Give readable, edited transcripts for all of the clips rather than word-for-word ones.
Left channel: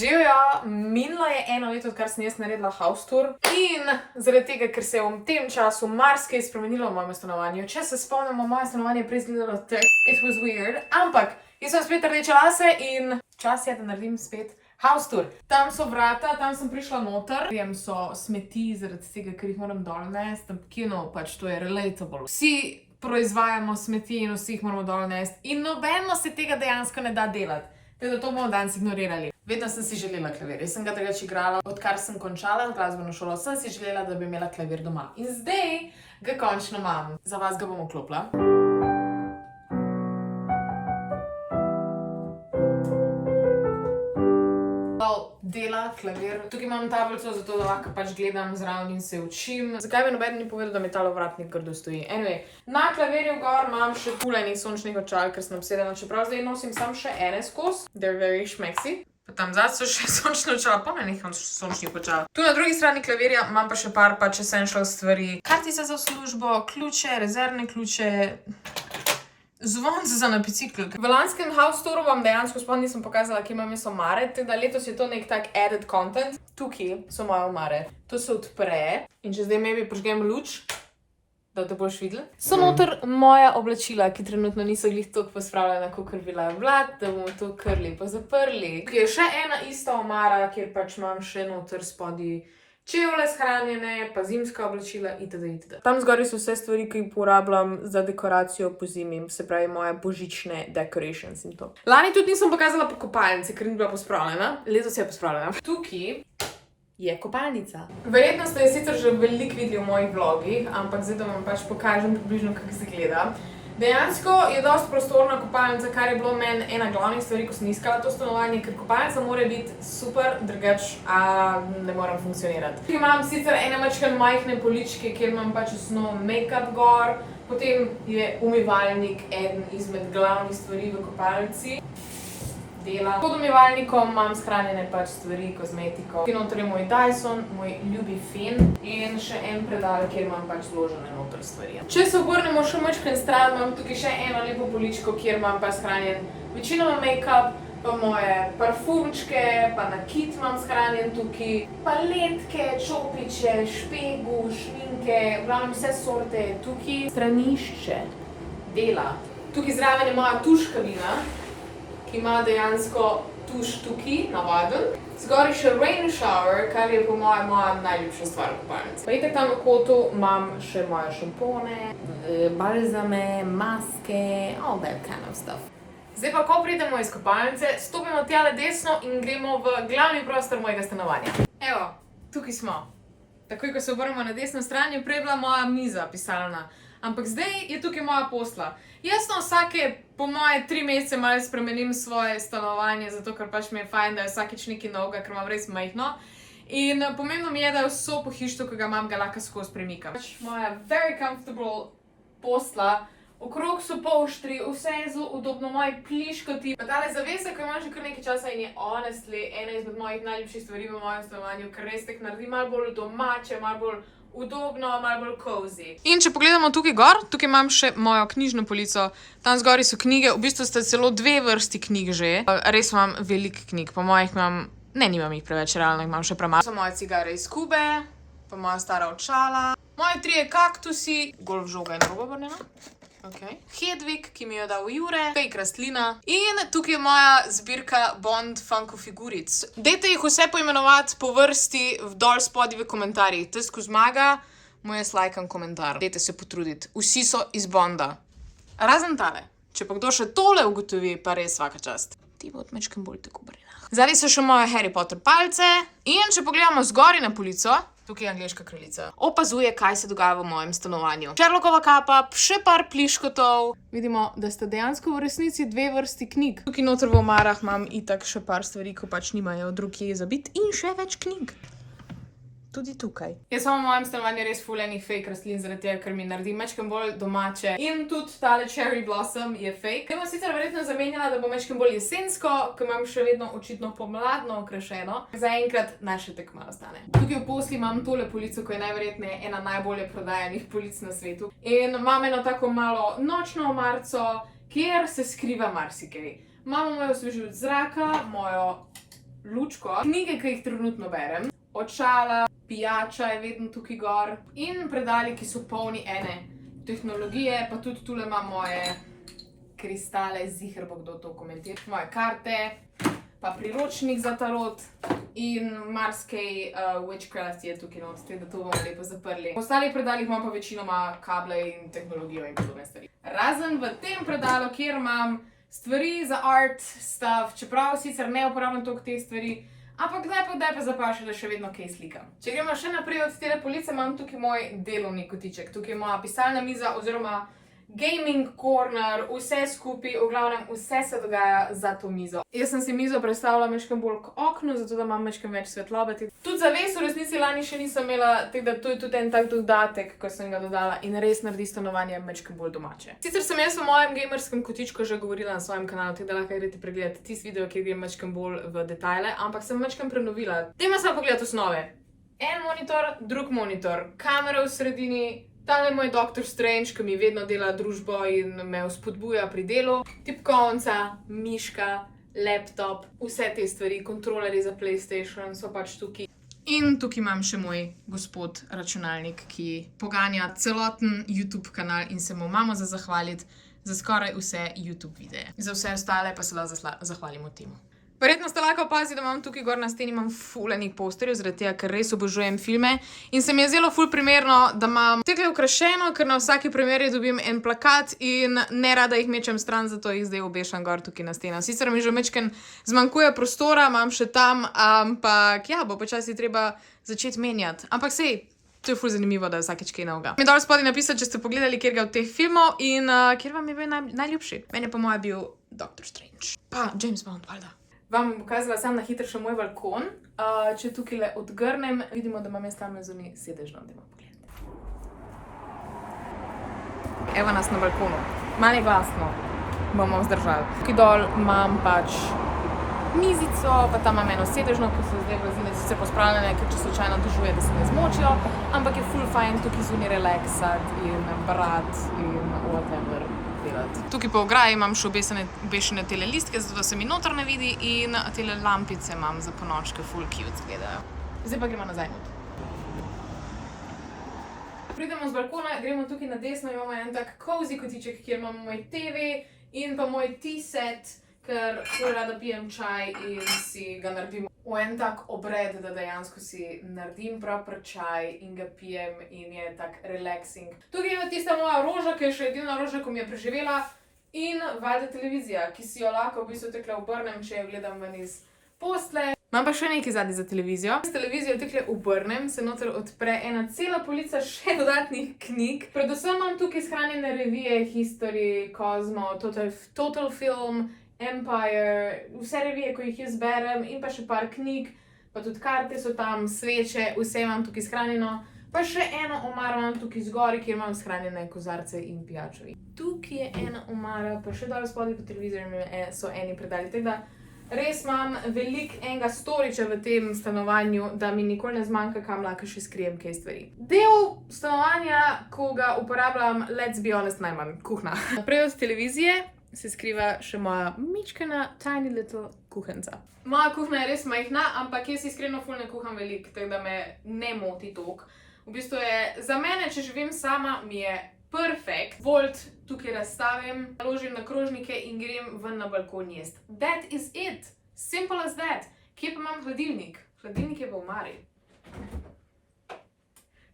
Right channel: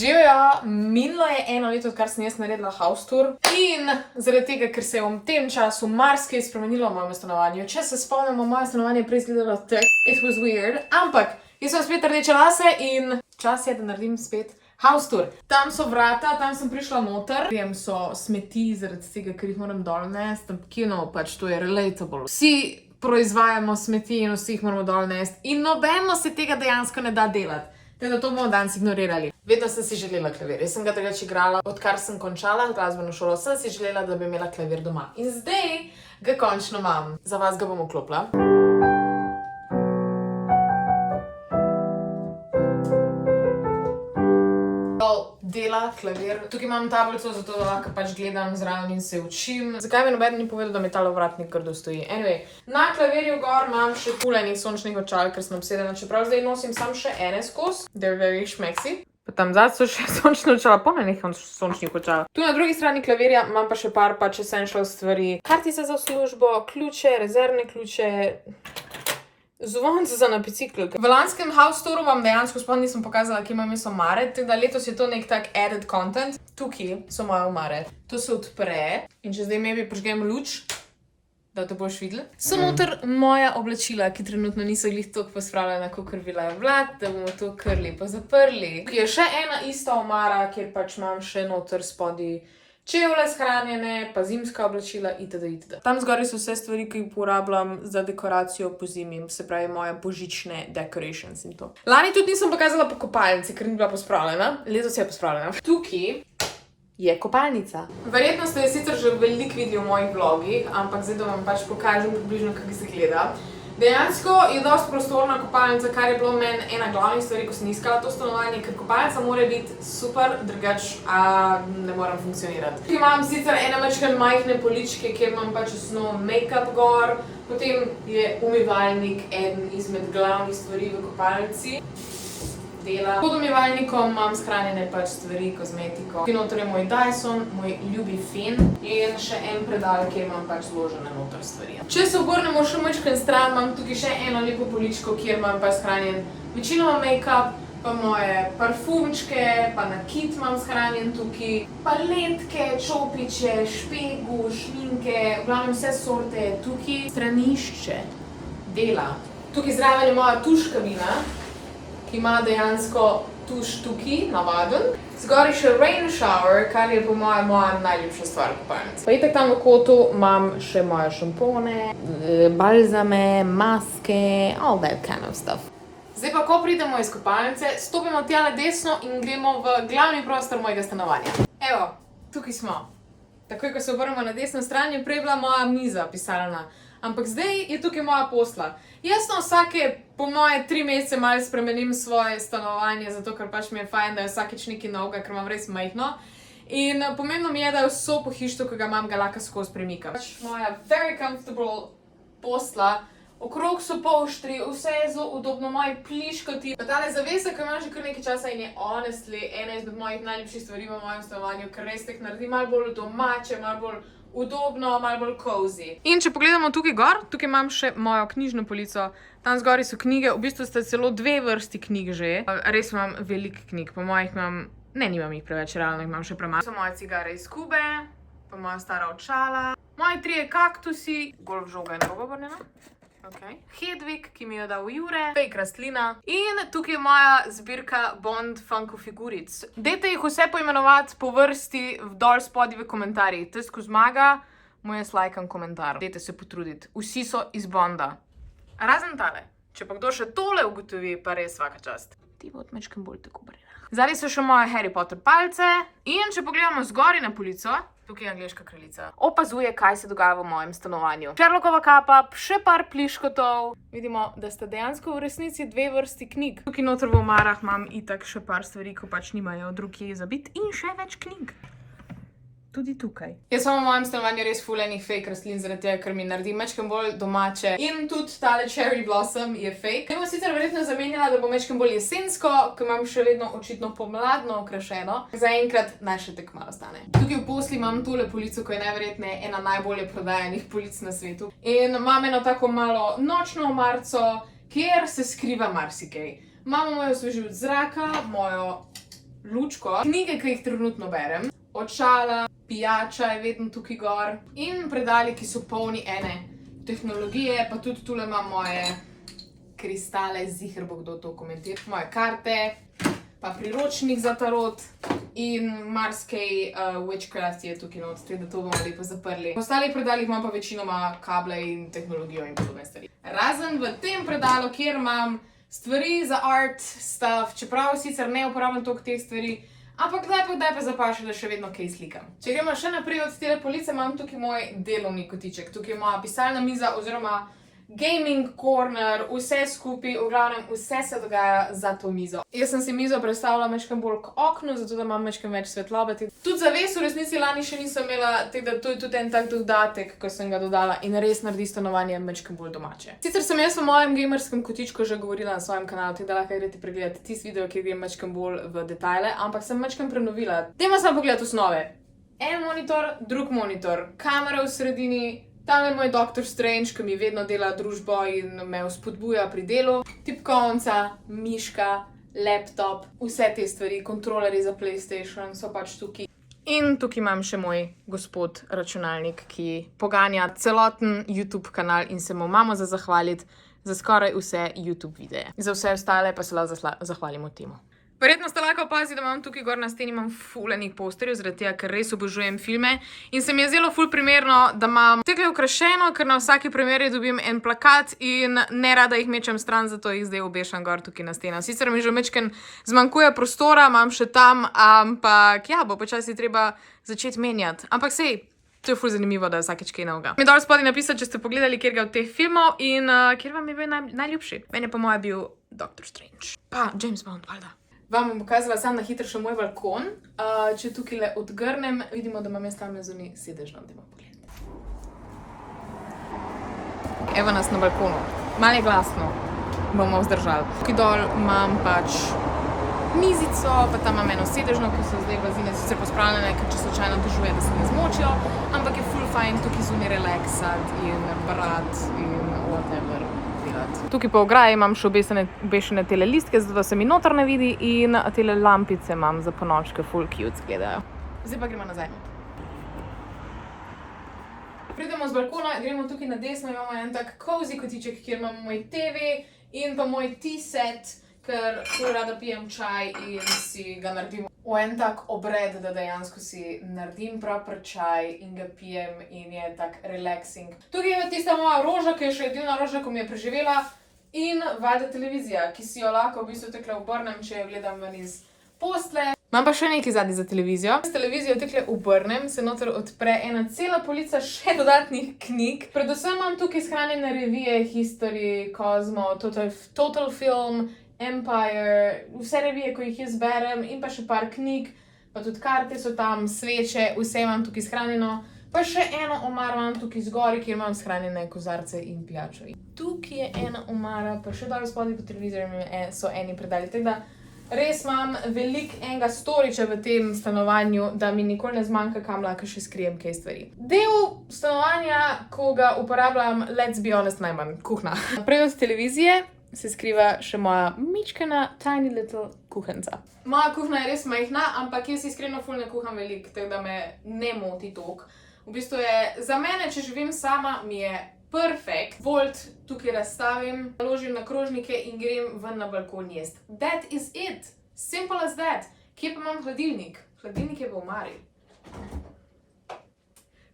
Živijo, minilo je 1 leto, odkar sem jaz naredila house tour in zaradi tega, ker se je v tem času marsikaj spremenilo v mojem stanovanju. Če se spomnimo, moje stanovanje je prej izgledalo tako, it was weird, ampak jaz sem spet rdeče lase in čas je, da naredim spet house tour. Tam so vrata, tam sem prišla noter, tam so smeti zaradi tega, ker jih moram dol nesti, pač to je relatable. Vsi proizvajamo smeti in vsi jih moramo dol nesti in nobeno se tega dejansko ne da delati. Teda to bomo danes ignorirali. Vedno sem si želela klavir. Jaz sem ga takrat igrala, odkar sem končala glasbeno šolo, sem si želela, da bi imela klavir doma. In zdaj ga končno imam. Za vas ga bom vklopila. Dela klavir. Tukaj imam tablico, zato da lahko pač gledam zraven in se učim. Zakaj mi nobeden ni povedal, da mi tale ovratnik grdo stoji? Anyway, na klavirju gor imam še enih sončnih očal, ker sem obsedena, čeprav zdaj nosim sam še ene skozi. They're very schmeksi. Pa tam zadaj so še sončne očala, polnih sončnih očal. Tu na drugi strani klavirja imam pa še par pač essential stvari. Kartice za službo, ključe, rezervne ključe, zvonce za na bicikl. V lanskem house touru vam dejansko sploh nisem pokazala, kje imam jaz omare, tako da letos je to nek tak added content. Tukaj so moje omare. To se odpre in če zdaj maybe požgem luč, da te boš videl. So noter moja oblačila, ki trenutno niso glih toliko pospravljena, kakor bila Vlad, da bomo to krli pa zaprli. Tukaj je še ena ista omara, kjer pač imam še noter spodaj čevlje shranjene, pa zimska oblačila itd. Tam zgoraj so vse stvari, ki jih uporabljam za dekoracijo po zimi, se pravi moje božične decorations in to. Lani tudi nisem pokazala po kopalnici, ker ni bila pospravljena. Letos je pospravljena. Tukaj je kopalnica. Verjetno ste sicer že veliko videli v mojih vlogih, ampak zdaj da vam pač pokažem približno, kako se gleda. Dejansko je dosti prostorna kopalnica, kar je bilo meni ena glavnih stvari, ko sem iskala to stanovanje, ker kopalnica mora biti super, drugač ne morem funkcionirati. Tukaj imam sicer ene majhne poličke, kjer imam pač osnovno make-up gor, potem je umivalnik eden izmed glavnih stvari v kopalnici. Pod umivalnikom imam shranjene pač stvari, kozmetiko. Tukaj noter je moj Dyson, moj ljubi fen in še en predal, kjer imam pač zložene noter stvari. Če se obrnemo še majčkeno stran, imam tukaj še eno lepo poličko, kjer imam pa shranjen večinoma make-up, pa moje parfumčke, pa nakit imam shranjen tukaj, paletke, čopiče, špegu, šminke, v glavnem vse sorte tukaj. Stranišče dela. Tukaj zraven je moja tuš kabina, ki ima dejansko tuš tukaj, navaden. Zgoraj še rain shower, kar je po moja najljubša stvar kopalnice. Pa itak tam v kotu imam še moje šampone, balzame, maske, all that kind of stuff. Zdaj pa, ko pridemo iz kopalnice, stopimo tjale desno in gremo v glavni prostor mojega stanovanja. Evo, tukaj smo. Takoj, ko se obrnemo na desno stran, je prej bila moja miza pisalna. Ampak zdaj je tukaj moja posla. Jaz na vsake, po moje 3 mesece malo spremenim svoje stanovanje, zato ker pač mi je fajn, da je vsakič nekaj novega, ker imam res majhno. In pomembno mi je, da je vso pohištvo, ki ga imam, ga lahko skozi premikam. Moja very comfortable posla, okrog so polštri, vse je zelo udobno, moji pliškoti. Pa tale zavesa, ki imam že kar nekaj časa in je honestly ena izmed mojih najljubših stvari v mojem stanovanju, ker res tek naredi malo bolj domače, malo bolj udobno, malo bolj cozy. In če pogledamo tukaj gor, tukaj imam še mojo knjižno polico. Tam zgori so knjige, v bistvu sta celo 2 vrsti knjig že. Res imam veliko knjig, po mojih imam, nimam jih preveč, realno imam še premalo. So moje cigare iz Kube, pa moja stara očala, moji 3 kaktusi, golf žoga je narobe obrnjena. Hedvig, ki mi jo dal Jure, fake rastlina in tukaj je moja zbirka Bond Funko figuric. Dajte jih vse poimenovati po vrsti dol spodaj v komentarjih. Tes, ko zmaga, mu jaz lajkam komentar. Dajte se potruditi. Vsi so iz Bonda. Razen tale. Če pa kdo še tole ugotovi, pa res svaka čast. Ti bo odmečkem bolj tako brinah. Zadaj so še moje Harry Potter palce in če pogledamo zgori na polico, tukaj je angleška kraljica. Opazuje, kaj se dogaja v mojem stanovanju. Sherlockova kapa, še par pliškotov. Vidimo, da sta dejansko v resnici 2 vrsti knjig. Tukaj noter v omarah imam itak še par stvari, ko pač nimajo drugje za biti in še več knjig. Tudi tukaj. Jaz sem v mojem stanovanju res ful enih fake rastlin, zaradi tega, ker mi naredi majčkeno bolj domače. In tudi tale cherry blossom je fake. Kaj bom sicer verjetno zamenjala, da bo majčkeno bolj jesensko, ker imam še vedno očitno pomladno okrašeno. Zaenkrat naj še tek malo stane. Tukaj v posli imam tole polico, ko je najverjetneje ena najbolje prodajanih polic na svetu. In imam eno tako malo nočno omarco, kjer se skriva marsikaj. Imamo mojo osvežilec zraka, mojo lučko, knjige, ki jih trenutno berem, očala, pijača je vedno tukaj gor in predali, ki so polni ene tehnologije, pa tudi tule imam moje kristale, ziher bo kdo to komentiral, moje karte, pa priročnik za tarot in marsikaj witchcraft je tukaj not, da to bomo lepo zaprli. V ostalih predalih imam pa večinoma kable in tehnologijo in podobne stvari. Razen v tem predalu, kjer imam stvari za art stuff, čeprav sicer ne uporabljam toliko teh stvari, ampak kdaj pa zapaši, da še vedno kaj slikam. Če gremo še naprej od tele police, imam tukaj moj delovni kotiček. Tukaj je moja pisalna miza oziroma gaming corner, vse skupaj, v glavnem vse se dogaja za to mizo. Jaz sem si mizo predstavila mečkam bolj k oknu, zato da imam mečkam več svetlobe. Tudi zaves v resnici lani še nisem imela, tako da to je tudi en tak dodatek, ko sem ga dodala in res naredi stanovanje mečkam bolj domače. Sicer sem jaz v mojem gamerskem kotičku že govorila na svojem kanalu, tako da lahko greste pregledati tisti video, kjer grem mečkam bolj v detajle, ampak sem mečkam prenovila. Dajmo samo pogledati osnove. En monitor, drug monitor, kamera v sredini, tale je moj Doctor Strange, ki mi vedno dela družbo in me vzpodbuja pri delu. Tipkovnica, miška, laptop, vse te stvari, kontrolerji za PlayStation so pač tukaj. In tukaj imam še moj gospod računalnik, ki poganja celoten YouTube kanal in se mu imamo za zahvaliti za skoraj vse YouTube videe. Za vse ostale pa se lahko zahvalimo temu. Verjetno ste lahko opazili, da imam tukaj gor na steni ful enih posterjev, zaradi tega, ker res obožujem filme. In se mi je zelo ful primerno, da imam tekle okrašeno, ker na vsaki premieri dobim en plakat in ne rada jih mečem stran, zato jih zdaj obešam gor tukaj na steno. Sicer mi že mečken zmanjkuje prostora, imam še tam, ampak ja, bo počasi treba začeti menjati. Ampak sej, to je ful zanimivo, da je vsakeč kaj novega. Mi dol spodaj napisati, če ste pogledali kjer ga od teh filmov in kjer vam je bil najljubši. Meni je po moje bil Doctor Strange. Pa James Bond, valjda. Vam bom pokazala sam na hitro še moj balkon. Če tukaj le odgrnem, vidimo, da imam jaz tam zunaj sedežno, da imam pogled. Evo nas na balkonu. Malo je glasno, bomo vzdržali. Tukaj dol imam pač mizico, pa tam imam eno sedežno, ki so zdaj blazine sicer pospravljene, ker če slučajno težuje, da se ne zmočijo, ampak je ful fajn tukaj zunaj relaksati in brati in whatever. Tukaj po ograji imam še obešene tele listke, zato da se mi noter ne vidi in tele lampice imam za ponočke, full cute zgledajo. Zdaj pa gremo nazaj. Pridemo z balkona, gremo tukaj na desno, imamo en tak cozy kotiček, kjer imamo moj TV in pa moj tea set, ker ful rada pijem čaj in si ga naredim v en tak obred, da dejansko si naredim proper čaj in ga pijem in je tak relaxing. Tukaj je tista moja roža, ki je še edina roža, ko mi je preživela in valjda televizija, ki si jo lahko v bistvu tekle obrnem, če jo gledam ven iz postle. Imam pa še nekaj zadnji za televizijo. S televizijo tekle obrnem, se noter odpre ena cela polica še dodatnih knjig. Predvsem imam tukaj shranjene revije, History, Cosmo, Total Film, Empire, vse revije, ko jih jaz berem in pa še par knjig, pa tudi karte so tam, sveče, vse imam tukaj shranjeno. Pa še eno omaro imam tukaj zgori, kjer imam shranjene kozarce in pijačo. Tukaj je ena omara, pa še dal spodaj po televizorju so eni predali. Tako da res imam veliko enega storiča v tem stanovanju, da mi nikoli ne zmanjka, kam lahko še skrijem kaj stvari. Del stanovanja, ko ga uporabljam, let's be honest, najmanj, kuhna. Naprej od televizije se skriva še moja mičkana tiny little kuhenca. Moja kuhna je res majhna, ampak jaz iskreno ful ne kuham veliko, tako da me ne moti toliko. V bistvu je za mene, če živim sama, mi je perfekt. Volt tukaj razstavim, naložim na krožnike in grem ven na balkon jest. That is it. Simple as that. Kje pa imam hladilnik? Hladilnik je v omari.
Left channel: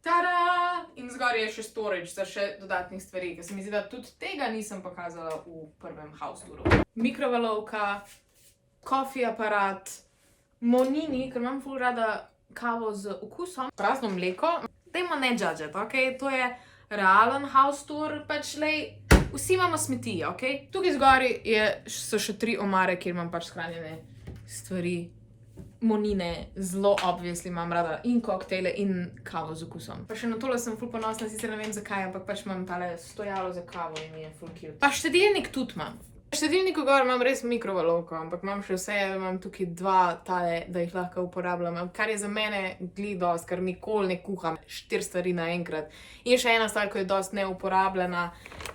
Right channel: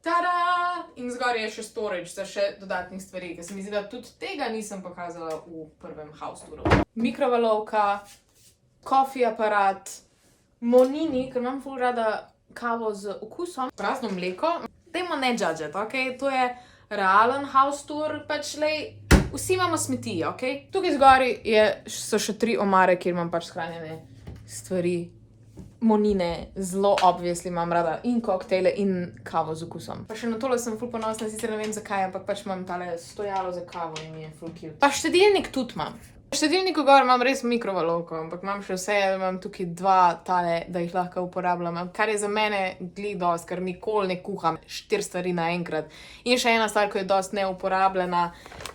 Tada! In zgoraj je še storage za še dodatnih stvari, ker se mi zdi, da tudi tega nisem pokazala v prvem house touru. Mikrovalovka, coffee aparat, monini, ker imam ful rada kavo z okusom, prazno mleko. Dajmo ne judget, ok? To je realen house tour, pač lej, vsi imamo smeti, ok? Tukaj zgoraj so še 3 omare, kjer imam pač shranjene stvari. Monine, zelo obviously imam rada in koktejle in kavo z okusom. Pa še na tole sem ful ponosna, sicer ne vem zakaj, ampak pač imam tale stojalo za kavo in mi je ful cute. Pa štedilnik tudi imam. Štedilniku gor imam res mikrovalovko, ampak imam še vse, da imam tukaj 2 tale, da jih lahko uporabljam, kar je za mene dosti, ker nikoli ne kuham 4 stvari naenkrat. In še ena stvar, ki je dosti neuporabljena,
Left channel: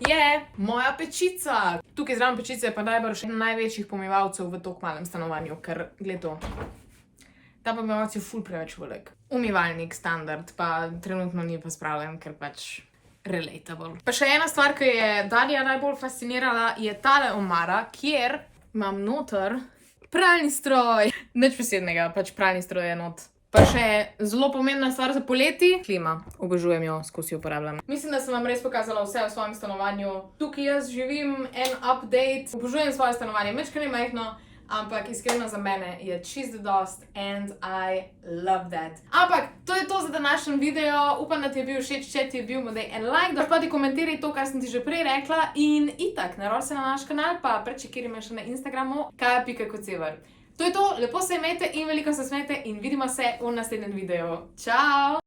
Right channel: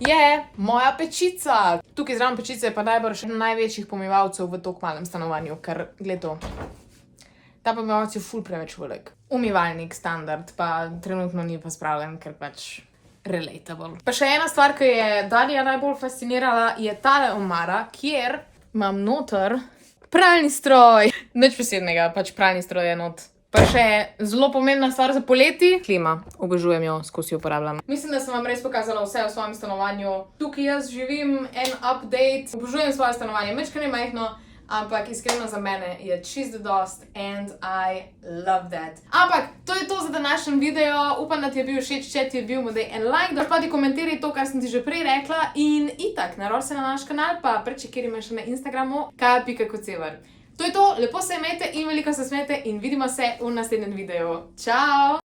je moja pečica. Tukaj zraven pečice je pa najbrž največjih pomivalcev v tako malem stanovanju, ker gled to. Ta pomivalec je ful preveč velik. Umivalnik standard, pa trenutno ni pa spravljen, ker pač relatable. Pa še ena stvar, ki je Darija najbolj fascinirala, je tale omara, kjer imam noter pralni stroj. Nič posebnega, pač pralni stroj je not. Pa še zelo pomembna stvar za poleti, klima. Obožujem jo, skozi uporabljam. Mislim, da sem vam res pokazala vse v svojem stanovanju. Tukaj jaz živim en update. Obožujem svoje stanovanje, mečkaj ne majhno, ampak iskreno za mene je čisto dost and I love that. Ampak to je to za današnji video. Upam, da ti je bil všeč, če ti je bil, mu daj en like, da pa ti komentiraj to, kar sem ti že prej rekla in itak, naroči se na naš kanal, pa prečekiraj me še na Instagramu, kaja.kocevar. To je to, lepo se imejte in veliko se smejte in vidimo se v naslednjem videu. Čau!